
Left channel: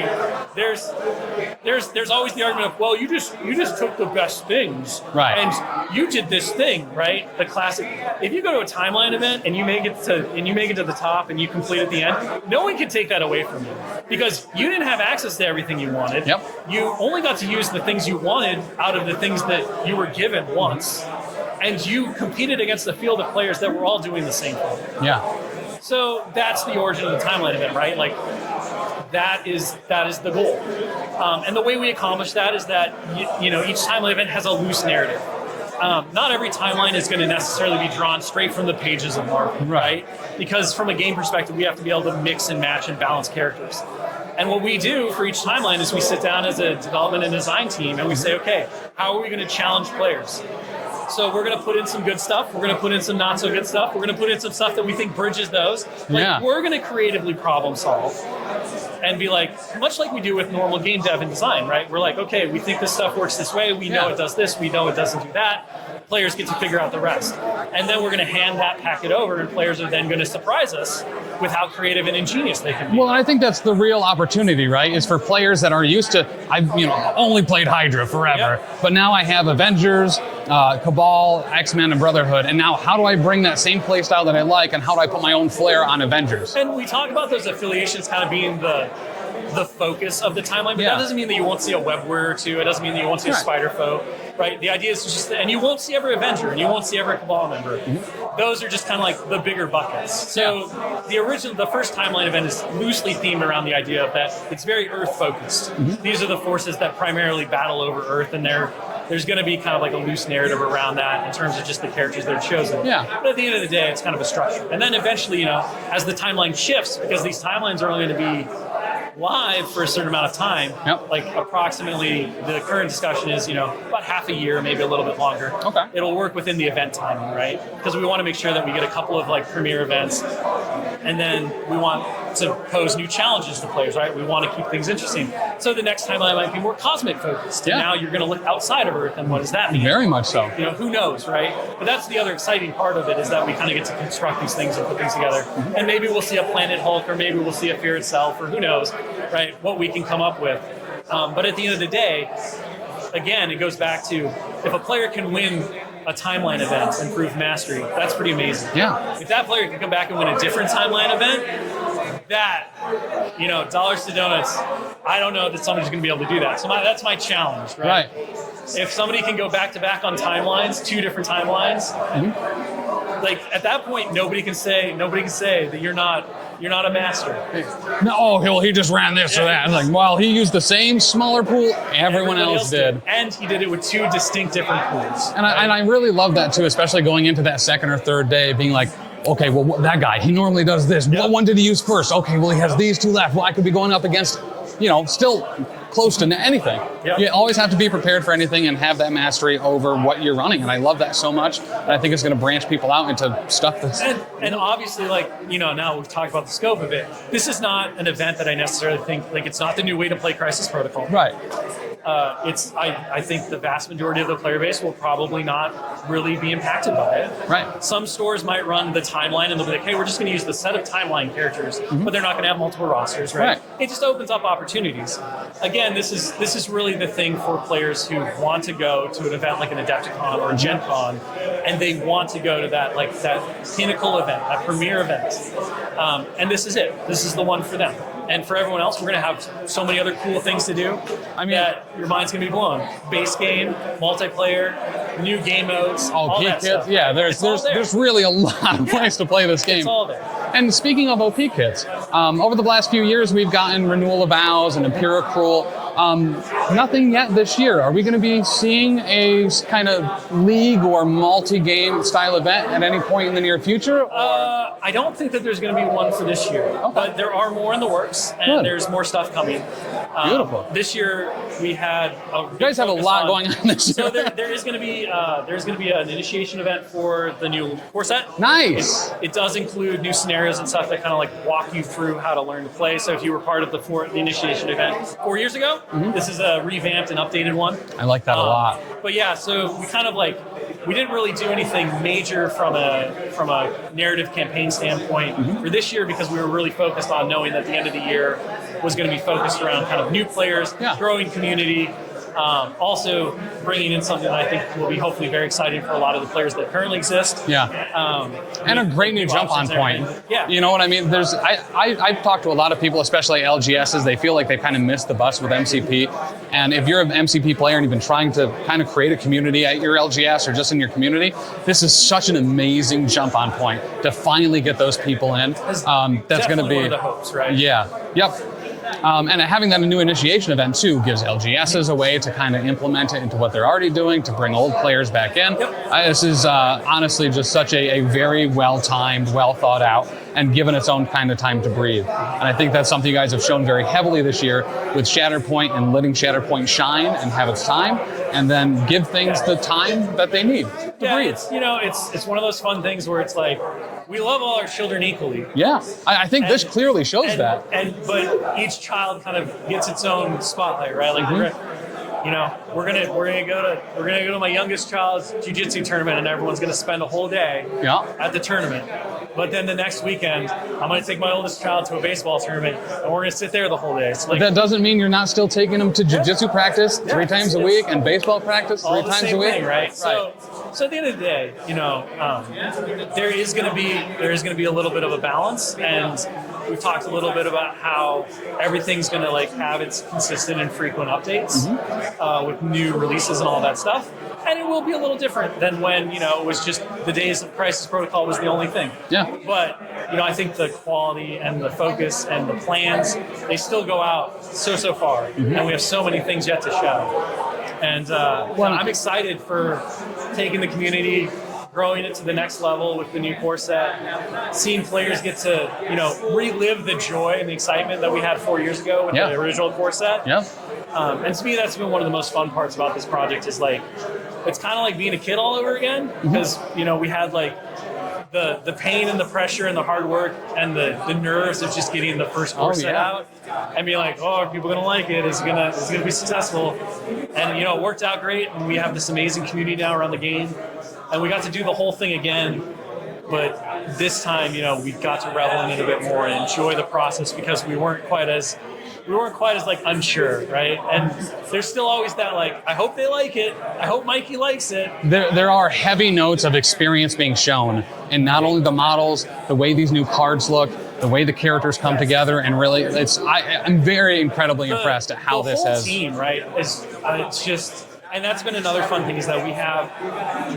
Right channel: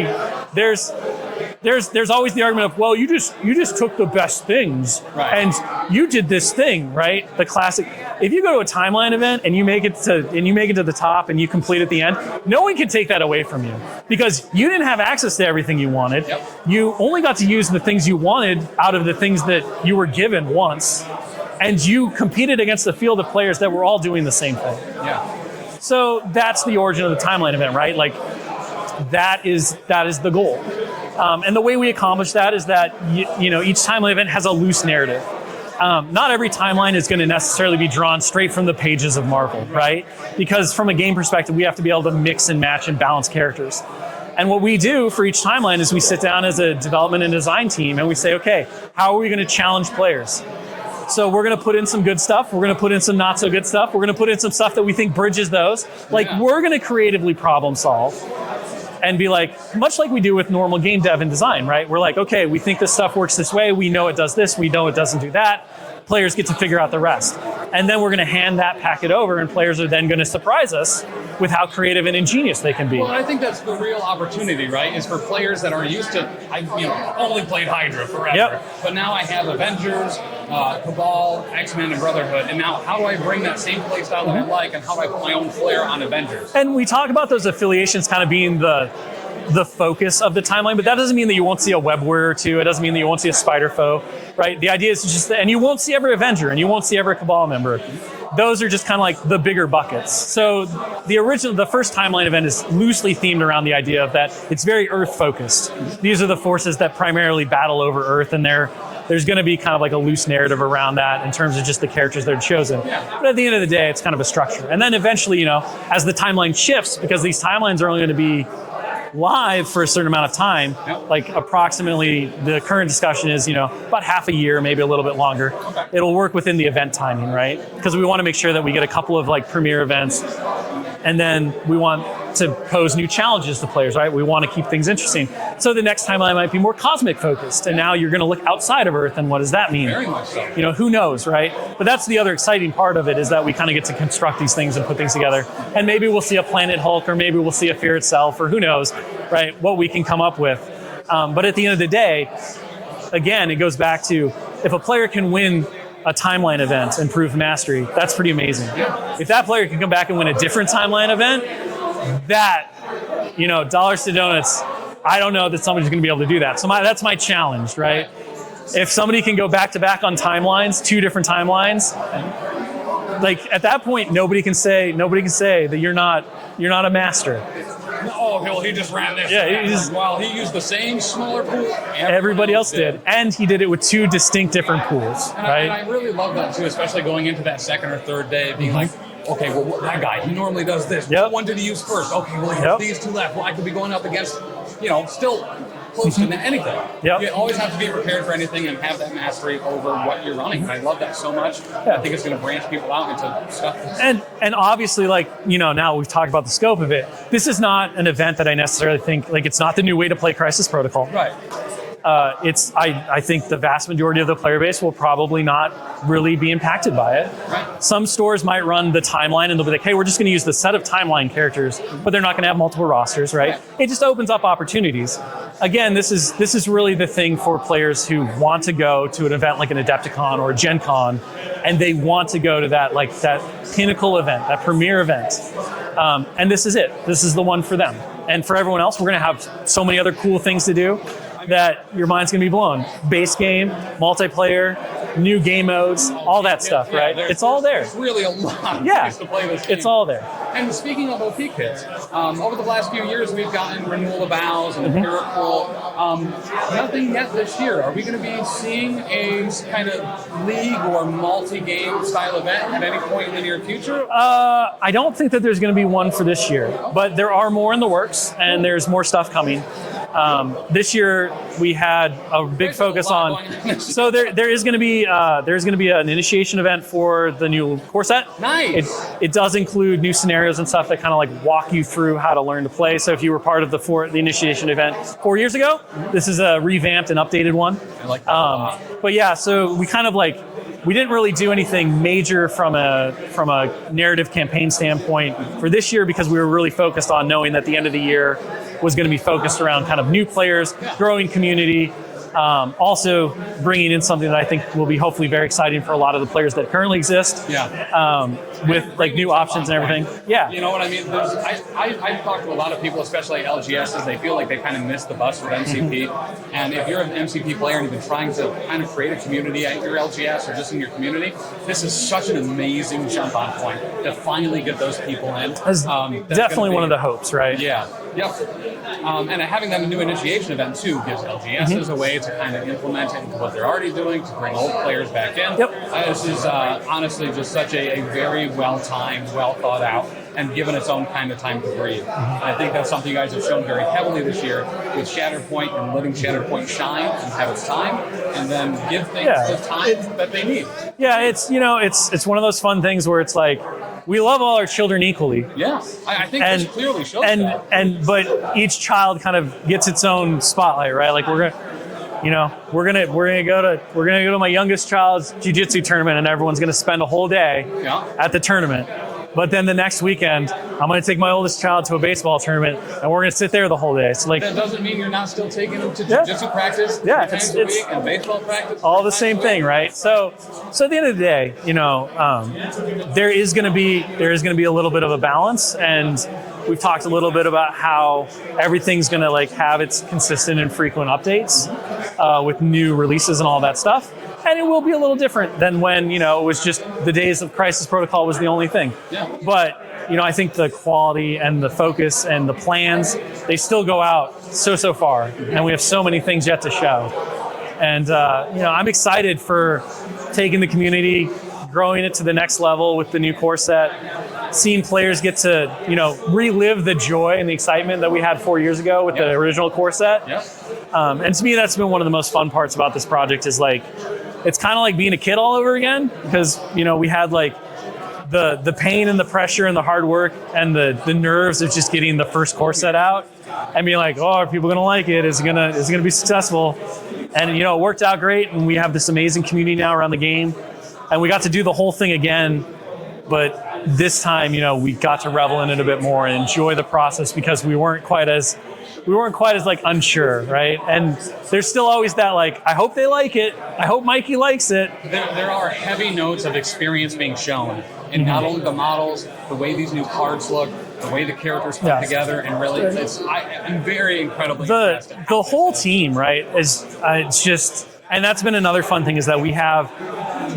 There's always the argument of, well, you just took the best things, right? And you did this thing, right? The classic. If you go to a timeline event and you make it to the top and you complete at the end, no one can take that away from you because you didn't have access to everything you wanted. Yep. You only got to use the things you wanted out of the things that you were given once, and you competed against a field of players that were all doing the same thing. Yeah. So that's the origin of the timeline event, right? Like that is the goal. And the way we accomplish that is that each timeline event has a loose narrative. Not every timeline is going to necessarily be drawn straight from the pages of Marvel, right? Because from a game perspective, we have to be able to mix and match and balance characters. And what we do for each timeline is we sit down as a development and design team and we say, okay, how are we going to challenge players? So we're going to put in some good stuff. We're going to put in some not so good stuff. We're going to put in some stuff that we think bridges those. We're going to creatively problem solve and be like, much like we do with normal game dev and design, right? We're like, okay, we think this stuff works this way. We know it does this. We know it doesn't do that. Players get to figure out the rest. And then we're going to hand that packet over and players are then going to surprise us with how creative and ingenious they can be. Well, I think that's the real opportunity, right? Is for players that are used to, I've only played Hydra forever, but now I have Avengers, Cabal, X-Men, and Brotherhood, and now how do I bring that same play style that I like, and how do I put my own flair on Avengers? And we talk about those affiliations kind of being the focus of the timeline, but that doesn't mean that you won't see a Web Warrior or two. It doesn't mean that you won't see a Spider Foe, right? The idea is just, and you won't see every Avenger, and you won't see every Cabal member. Those are just kind of like the bigger buckets. So the first timeline event is loosely themed around the idea of that it's very Earth focused. These are the forces that primarily battle over Earth, and there's going to be kind of like a loose narrative around that in terms of just the characters that are chosen. Yeah. But at the end of the day, it's kind of a structure. And then eventually, as the timeline shifts, because these timelines are only going to be live for a certain amount of time, like approximately the current discussion is, about half a year, maybe a little bit longer. Okay. It'll work within the event timing, right? Because we want to make sure that we get a couple of like premier events, and then we want to pose new challenges to players, right? We want to keep things interesting. So the next timeline might be more cosmic focused, and now you're going to look outside of Earth, and what does that mean? Very much so. Who knows, right? But that's the other exciting part of it, is that we kind of get to construct these things and put things together. And maybe we'll see a Planet Hulk, or maybe we'll see a Fear itself, or who knows, right? What we can come up with. But at the end of the day, again, it goes back to, if a player can win a timeline event and prove mastery, that's pretty amazing. Yeah. If that player can come back and win a different timeline event, that, dollars to donuts, I don't know that somebody's going to be able to do that. So that's my challenge, right? If somebody can go back to back on timelines, 2 different timelines, like at that point, nobody can say that you're not a master. No, he just ran this or that. Like, well, he used the same smaller pool everybody else did. And he did it with 2 distinct different pools. And I really love that too, especially going into that second or third day, being like, okay, well, that guy, he normally does this. What one did he use first? Okay, well, he has these 2 left. Well, I could be going up against, still close to anything. You always have to be prepared for anything and have that mastery over what you're running. And I love that so much. And I think it's going to branch people out into stuff that's... And obviously, now we've talked about the scope of it. This is not an event that I necessarily think, it's not the new way to play Crisis Protocol. Right. I think the vast majority of the player base will probably not really be impacted by it. Right. Some stores might run the timeline and they'll be like, hey, we're just going to use the set of timeline characters, but they're not going to have multiple rosters, right? It just opens up opportunities. Again, this is really the thing for players who want to go to an event like an Adepticon or a GenCon, and they want to go to that pinnacle event, that premier event. And this is it. This is the one for them. And for everyone else, we're going to have so many other cool things to do that your mind's going to be blown. Base game, multiplayer, new game modes, all that stuff. Yeah, right? It's all there. There's really a lot of ways to play this game. It's all there. And speaking of OP kits, over the last few years, we've gotten Renewal of Vows and Empirical. Nothing yet this year. Are we going to be seeing a kind of league or multi-game style event at any point in the near future? I don't think that there's going to be one for this year, but there are more in the works, and there's more stuff coming. This year we had a big focus on. Going on this year. So there is going to be an initiation event for the new core set. Nice. It does include new scenarios and stuff that kind of walk you through how to learn to play. So if you were part of the initiation event 4 years ago, this is a revamped and updated one. I like that a lot. But yeah, so we kind of we didn't really do anything major from a narrative campaign standpoint for this year, because we were really focused on knowing that the end of the year was going to be focused around kind of new players, growing community, also bringing in something that I think will be hopefully very exciting for a lot of the players that currently exist. And a great new options and everything. You know what I mean? I've talked to a lot of people, especially LGSs. They feel like they kind of missed the bus with MCP. And if you're an MCP player and you've been trying to kind of create a community at your LGS or just in your community, this is such an amazing jump on point to finally get those people in. That's definitely one of the hopes, right? Yeah. Yep. And having that a new initiation event too gives LGSs a way to kind of implement it into what they're already doing, to bring old players back in. This is honestly just such a very well-timed, well thought out, and given its own kind of time to breathe. And I think that's something you guys have shown very heavily this year with Shatterpoint, and letting Shatterpoint shine and have its time, and then give things the time that they need. It's one of those fun things where it's like, we love all our children equally. Yeah, I think this clearly shows that. But each child kind of gets its own spotlight, right? Like we're gonna go to my youngest child's jiu-jitsu tournament, and everyone's gonna spend a whole day at the tournament. But then the next weekend, I'm going to take my oldest child to a baseball tournament, and we're going to sit there the whole day. So like, that doesn't mean you're not still taking them to jiu-jitsu practice 3 times a week and baseball practice. All the same thing, right? So at the end of the day, there is going to be a little bit of a balance, and we've talked a little bit about how everything's going to like have its consistent and frequent updates with new releases and all that stuff. And it will be a little different than when, it was just the days of Crisis Protocol was the only thing. Yeah. But, I think the quality and the focus and the plans, they still go out so far. And we have so many things yet to show. And, I'm excited for taking the community, growing it to the next level with the new core set, seeing players get to, relive the joy and the excitement that we had 4 years ago with the original core set. Yeah. And to me, that's been one of the most fun parts about this project is like, it's kind of like being a kid all over again because, we had like the pain and the pressure and the hard work and the nerves of just getting the first core set out and being like, oh, are people going to like it? Is it going to be successful? And, it worked out great. And we have this amazing community now around the game. And we got to do the whole thing again. But this time, we got to revel in it a bit more and enjoy the process because we weren't quite as like unsure, right? And there's still always that like, I hope they like it. I hope Mikey likes it. There are heavy notes of experience being shown in not only the models, the way these new cards look, the way the characters come together, and really, I'm very incredibly impressed at how the whole team, right? It's just. And that's been another fun thing is that we have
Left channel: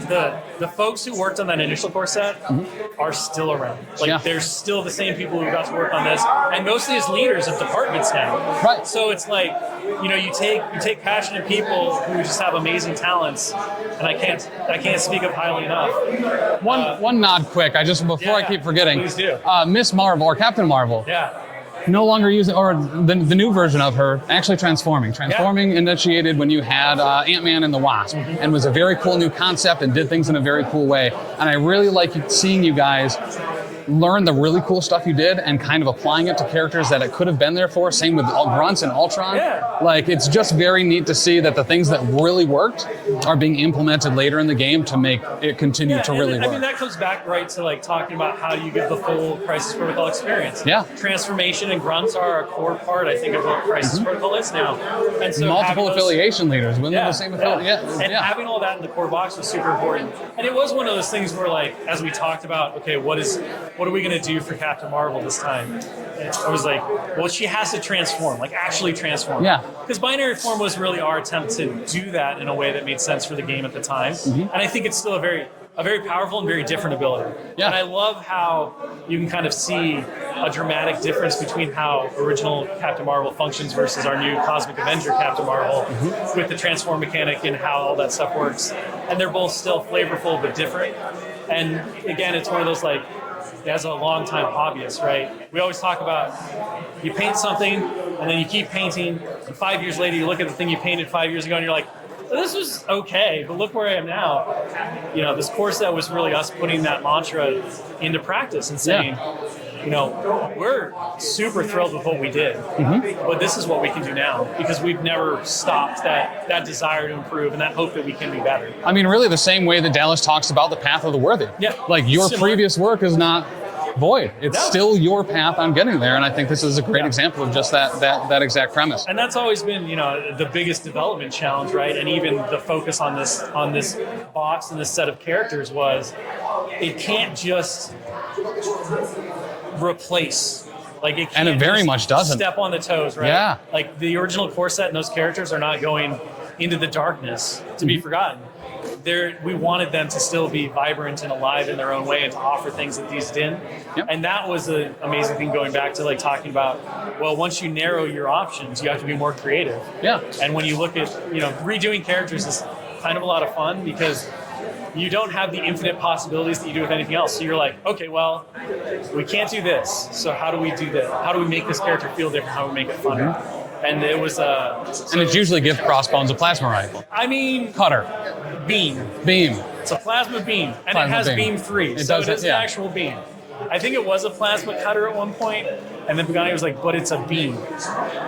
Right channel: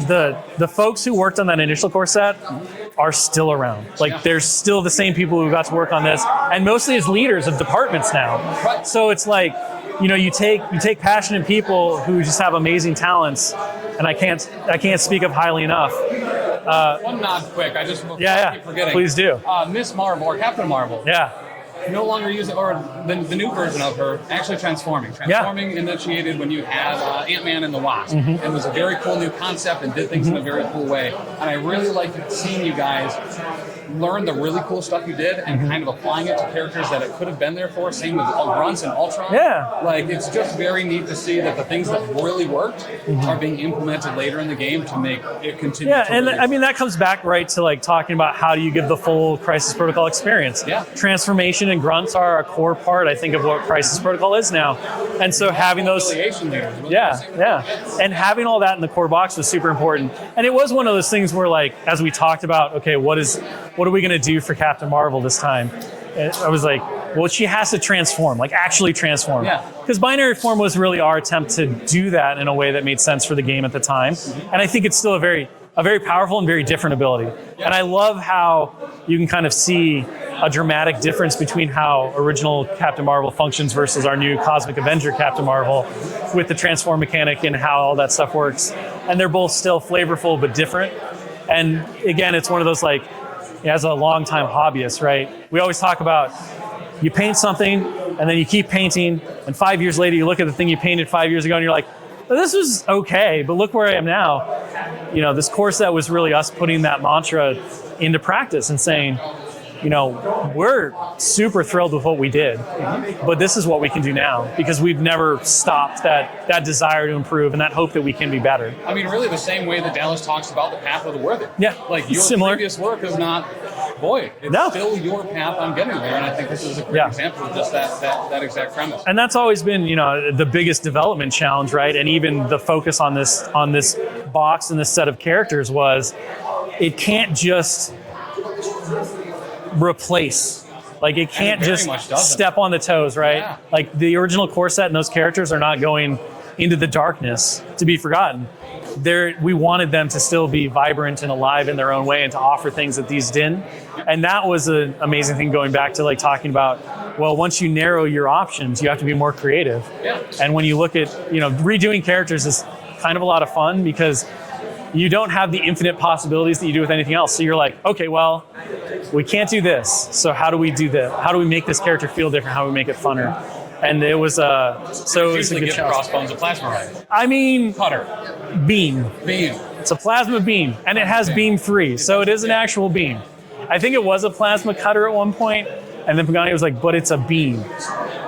the folks who worked on that initial core set are still around. Like there's still the same people who got to work on this, and mostly as leaders of departments now. Right. So it's like, you take passionate people who just have amazing talents, and I can't speak of highly enough. One nod quick. I keep forgetting. Please do. Miss Marvel or Captain Marvel. Yeah. No longer using, or the new version of her actually transforming. Transforming initiated when you had Ant-Man and the Wasp, and was a very cool new concept and did things in a very cool way. And I really like seeing you guys learn the really cool stuff you did and kind of applying it to characters that it could have been there for. Same with Grunts and Ultron. Yeah. Like, it's just very neat to see that the things that really worked are being implemented later in the game to make it continue to really work. I mean, that comes back right to like talking about how do you give the full Crisis Protocol experience. Yeah. Transformation and Grunts are a core part, I think, of what Crisis Protocol is now. And so having those affiliation leaders, having all that in the core box was super important. And it was one of those things where, like, as we talked about, okay, what are we going to do for Captain Marvel this time? And I was like, well, she has to transform, like actually transform. Yeah. Because binary form was really our attempt to do that in a way that made sense for the game at the time. And I think it's still a very powerful and very different ability. Yeah. And I love how you can kind of see a dramatic difference between how original Captain Marvel functions versus our new Cosmic Avenger Captain Marvel with the transform mechanic and how all that stuff works. And they're both still flavorful but different. And again, it's one of those, like, as a longtime hobbyist, right? We always talk about you paint something and then you keep painting, and 5 years later you look at the thing you painted 5 years ago and you're like, well, this was okay, but look where I am now. This core set was really us putting that mantra into practice and saying, we're super thrilled with what we did, but this is what we can do now because we've never stopped that desire to improve and that hope that we can be better. I mean, really the same way that Dallas talks about the path of the worthy. Yeah. Like, your previous work is not void. It's still your path on getting there, and I think this is a great example of just that exact premise. And that's always been, the biggest development challenge, right? And even the focus on this box and this set of characters was it can't just replace. Like, it can't very much doesn't. Step on the toes, right? Yeah. Like, the original core set and those characters are not going into the darkness to be forgotten. We wanted them to still be vibrant and alive in their own way and to offer things that these didn't. Yep. And that was an amazing thing, going back to like talking about, well, once you narrow your options, you have to be more creative. Yeah. And when you look at, redoing characters is kind of a lot of fun because you don't have the infinite possibilities that you do with anything else. So you're like, okay, well, we can't do this. So how do we do that? How do we make this character feel different? How do we make it funner? And it was it's usually give Crossbones a plasma rifle. I mean, cutter, beam. It's a plasma beam, and it has beam 3, so it is an actual beam. I think it was a plasma cutter at one point, and then Pagani was like, "But it's a beam,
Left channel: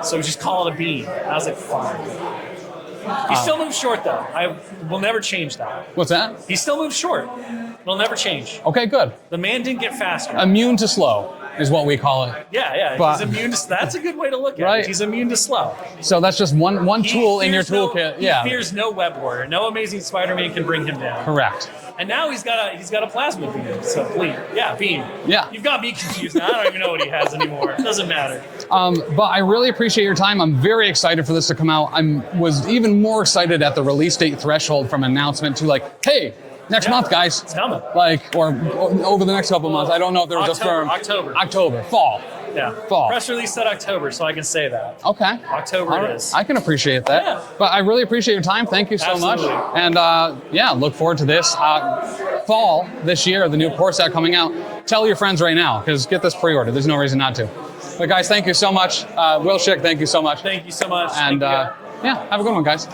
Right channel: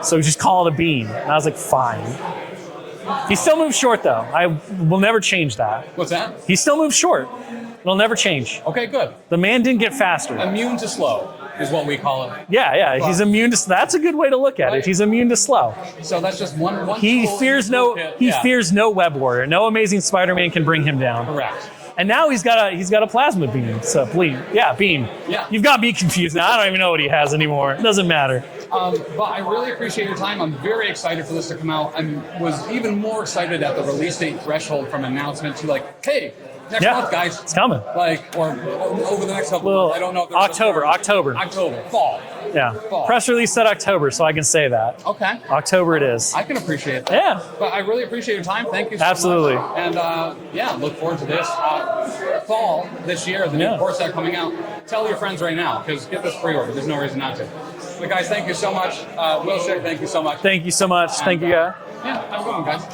so just call it a beam." And I was like, "Fine." He still moves short, though. I will never change that. What's that? He still moves short. It'll never change. Okay, good. The man didn't get faster. Immune to slow is what we call it. Yeah. He's immune to. That's a good way to look at Right. it. He's immune to slow. So that's just one tool in your toolkit. He fears no web warrior. No Amazing Spider-Man can bring him down. Correct. And now he's got a plasma beam. So beam. Beam. Yeah. You've got me confused now. I don't even know what he has anymore. It doesn't matter. But I really appreciate your time. I'm very excited for this to come out. Was even more excited at the release date threshold from announcement to like, hey, next month, guys. It's coming. Or over the next couple months. I don't know if there was October, fall. Yeah. Fall. Press release said October, so I can say that. Okay. October it is. I can appreciate that. Yeah. But I really appreciate your time. Thank you so Absolutely. much. And look forward to this fall this year, the new core set coming out. Tell your friends right now, because get this pre-ordered. There's no reason not to. But guys, thank you so much. Will Schick, thank you so much. Thank you so much. And, thank you, guys. Yeah, have a good one, guys.